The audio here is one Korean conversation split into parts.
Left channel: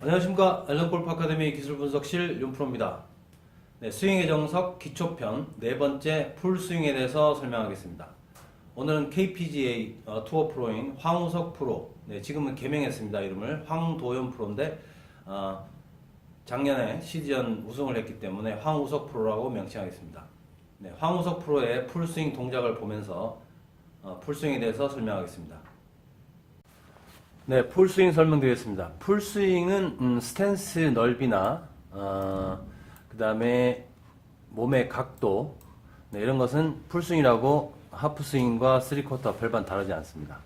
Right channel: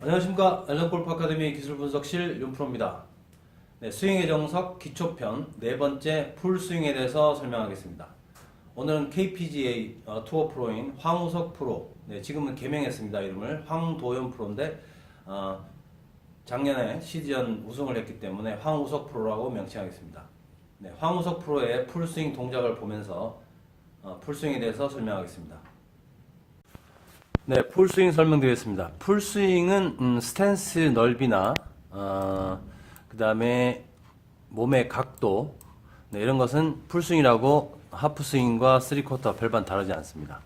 안녕하십니까 앨런골프 아카데미 기술분석실 윤프로입니다. 네, 스윙의 정석 기초편 네 번째 풀 스윙에 대해서 설명하겠습니다. 오늘은 KPGA 어, 투어 프로인 황우석 프로, 네, 지금은 개명했습니다. 이름을 황도현 프로인데 어, 작년에 시즌 우승을 했기 때문에 황우석 프로라고 명칭하겠습니다. 네, 황우석 프로의 풀 스윙 동작을 보면서 어, 풀 스윙에 대해서 설명하겠습니다. 네, 풀스윙 설명드리겠습니다. 풀스윙은 음, 스탠스 넓이나 어, 그 다음에 몸의 각도 네, 이런 것은 풀스윙이라고 하프스윙과 쓰리쿼터 별반 다르지 않습니다.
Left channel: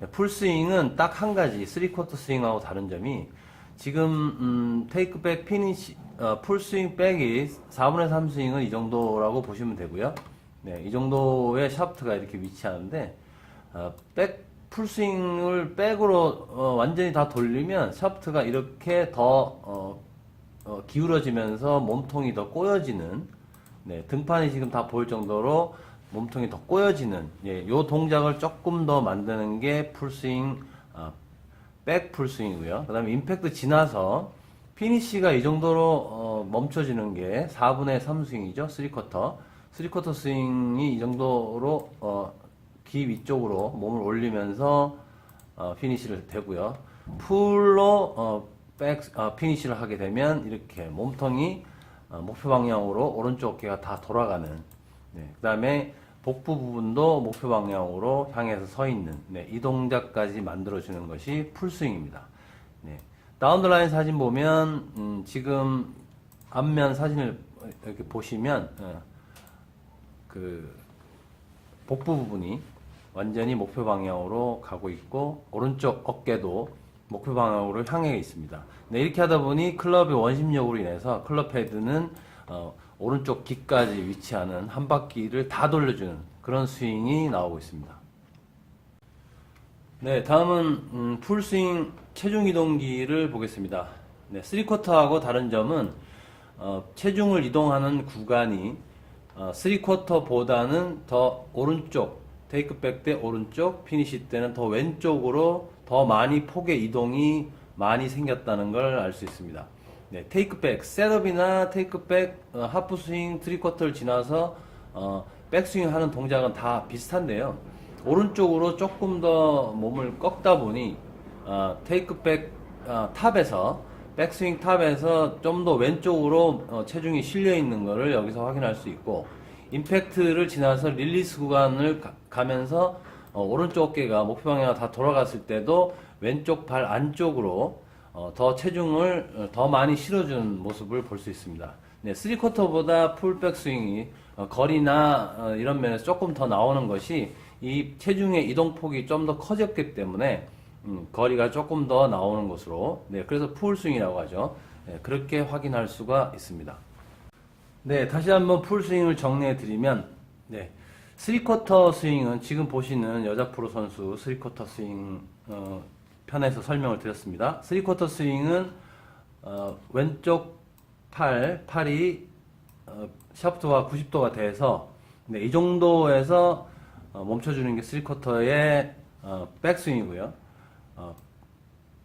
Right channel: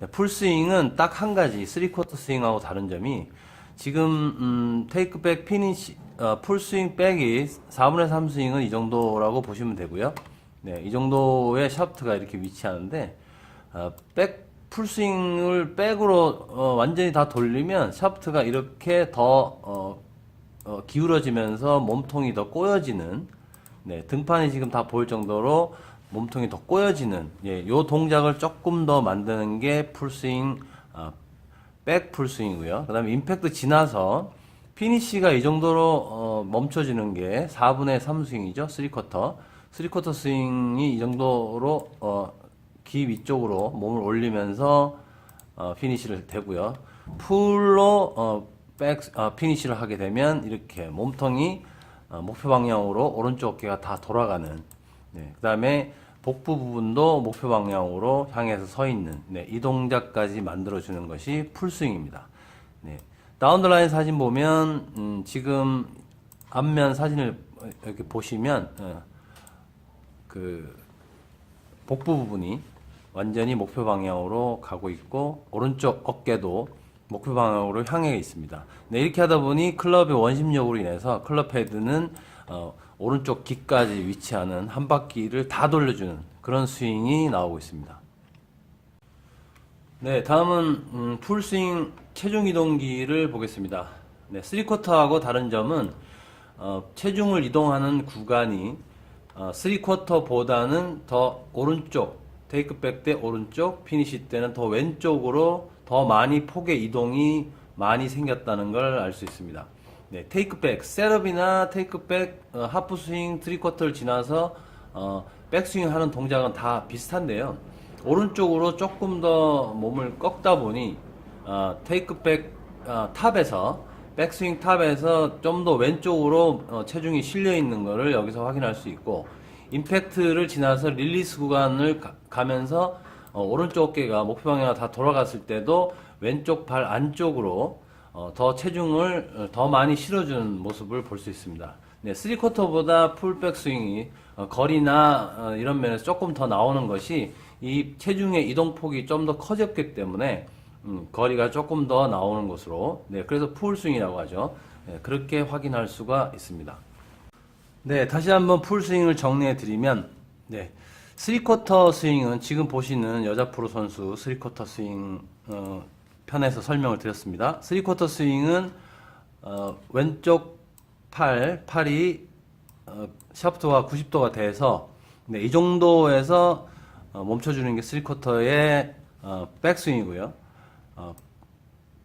네, 풀스윙은 딱 한 가지 쓰리쿼터 스윙하고 다른 점이 지금 음, 테이크백 피니시 어, 풀스윙 백이 4분의 3 스윙은 이 정도라고 보시면 되고요. 네, 이 정도의 샤프트가 이렇게 위치하는데 어, 백 풀스윙을 백으로 어, 완전히 다 돌리면 샤프트가 이렇게 더 어, 어, 기울어지면서 몸통이 더 꼬여지는 네, 등판이 지금 다 보일 정도로 몸통이 더 꼬여지는 예, 요 동작을 조금 더 만드는 게 풀스윙 어, 백 풀스윙이고요. 그 다음에 임팩트 지나서 피니시가 이 정도로 어, 멈춰지는 게 4분의 3 스윙이죠. 3쿼터. 3쿼터 스윙이 이 정도로 어, 귀 위쪽으로 몸을 올리면서 어, 피니시를 되고요. 풀로 어, 백 어, 피니시를 하게 되면 이렇게 몸통이 어, 목표 방향으로 오른쪽 어깨가 다 돌아가는. 네, 그 다음에 복부 부분도 목표 방향으로 향해서 서 있는 네, 이 동작까지 만들어 주는 것이 풀스윙입니다. 네, 다운드라인 사진 보면 음, 지금 앞면 사진을 이렇게 보시면 어, 그 복부 부분이 완전히 목표 방향으로 가고 있고 오른쪽 어깨도 목표 방향으로 향해 있습니다. 네, 이렇게 하다 보니 클럽의 원심력으로 인해서 클럽 헤드는 어, 오른쪽 귀까지 위치하는 한 바퀴를 다 돌려주는 그런 스윙이 나오고 있습니다. 네, 다음은 음, 풀 스윙 체중 이동기를 보겠습니다. 네, 3쿼터하고 다른 점은 어, 체중을 이동하는 구간이 어, 3쿼터보다는 더 오른쪽 테이크백 때 오른쪽, 피니시 때는 더 왼쪽으로 더 많이 폭의 이동이 많이 생겼다는 걸 알 수 있습니다. 네, 테이크백, 셋업이나 테이크백, 어, 하프스윙, 트리쿼터를 지나서 어, 백스윙 하는 동작은 다 비슷한데요. 오른쪽으로 조금 더 몸을 꺾다 보니 어, 테이크백 어, 탑에서 백스윙 탑에서 좀 더 왼쪽으로 어, 체중이 실려 있는 것을 여기서 확인할 수 있고 임팩트를 지나서 릴리스 구간을 가, 면서 어, 오른쪽 어깨가 목표 방향 다 돌아갔을 때도 왼쪽 발 안쪽으로 어, 더 체중을 어, 더 많이 실어주는 모습을 볼 수 있습니다. 네, 3쿼터보다 풀백 스윙이 어, 거리나 어, 이런 면에서 조금 더 나오는 것이 이 체중의 이동폭이 좀 더 커졌기 때문에 음, 거리가 조금 더 나오는 것으로 네, 그래서 풀 스윙이라고 하죠. 네, 그렇게 확인할 수가 있습니다. 네, 다시 한번 풀 스윙을 정리해 드리면, 네, 3쿼터 스윙은 지금 보시는 여자 프로 선수 3쿼터 스윙 어, 편에서 설명을 드렸습니다. 3쿼터 스윙은 어, 왼쪽 팔, 팔이 어, 샤프트가 90도가 돼서 네, 이 정도에서 어, 멈춰주는 게 3쿼터의 어, 백스윙이고요. 어,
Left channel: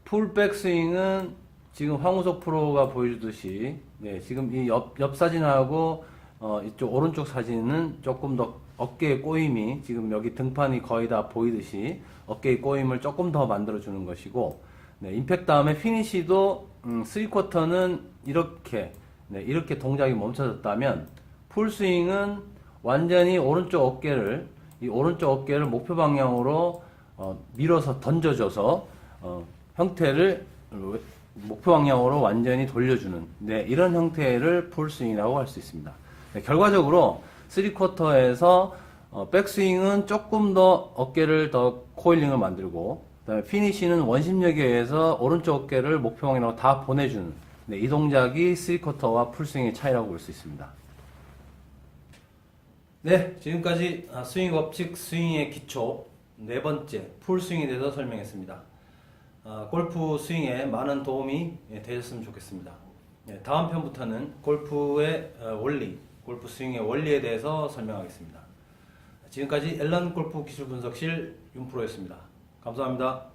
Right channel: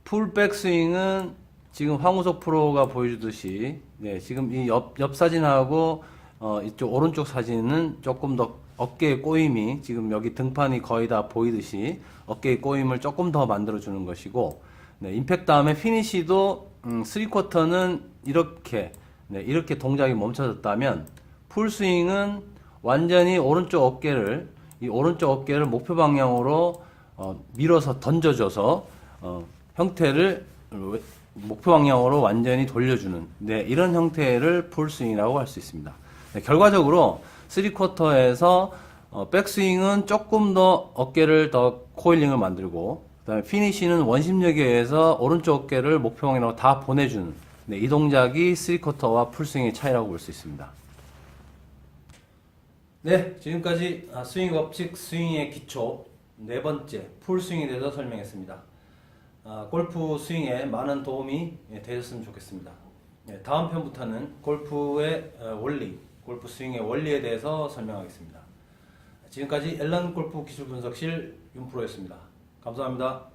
풀 백 스윙은 지금 황우석 프로가 보여주듯이 네, 지금 이 옆, 옆 사진하고 어, 이쪽 오른쪽 사진은 조금 더 어깨의 꼬임이 지금 여기 등판이 거의 다 보이듯이 어깨의 꼬임을 조금 더 만들어 주는 것이고 네, 임팩트 다음에 피니시도 음, 3쿼터는 이렇게 네, 이렇게 동작이 멈춰졌다면 풀스윙은 완전히 오른쪽 어깨를 이 오른쪽 어깨를 목표 방향으로 어, 밀어서 던져줘서 어, 형태를 목표 방향으로 완전히 돌려주는 네, 이런 형태를 풀스윙이라고 할 수 있습니다. 네, 결과적으로 3쿼터에서 어, 백스윙은 조금 더 어깨를 더 코일링을 만들고 그다음에 피니시는 원심력에 의해서 오른쪽 어깨를 목표 방향으로 다 보내주는 네, 이 동작이 3쿼터와 풀스윙의 차이라고 볼 수 있습니다. 네, 지금까지 아, 스윙 법칙 스윙의 기초 네 번째 풀스윙에 대해서 설명했습니다. 아, 골프 스윙에 많은 도움이 예, 되셨으면 좋겠습니다. 네, 다음 편부터는 골프의 어, 원리, 골프 스윙의 원리에 대해서 설명하겠습니다. 지금까지 엘란 골프 기술 분석실 윤프로였습니다. 감사합니다.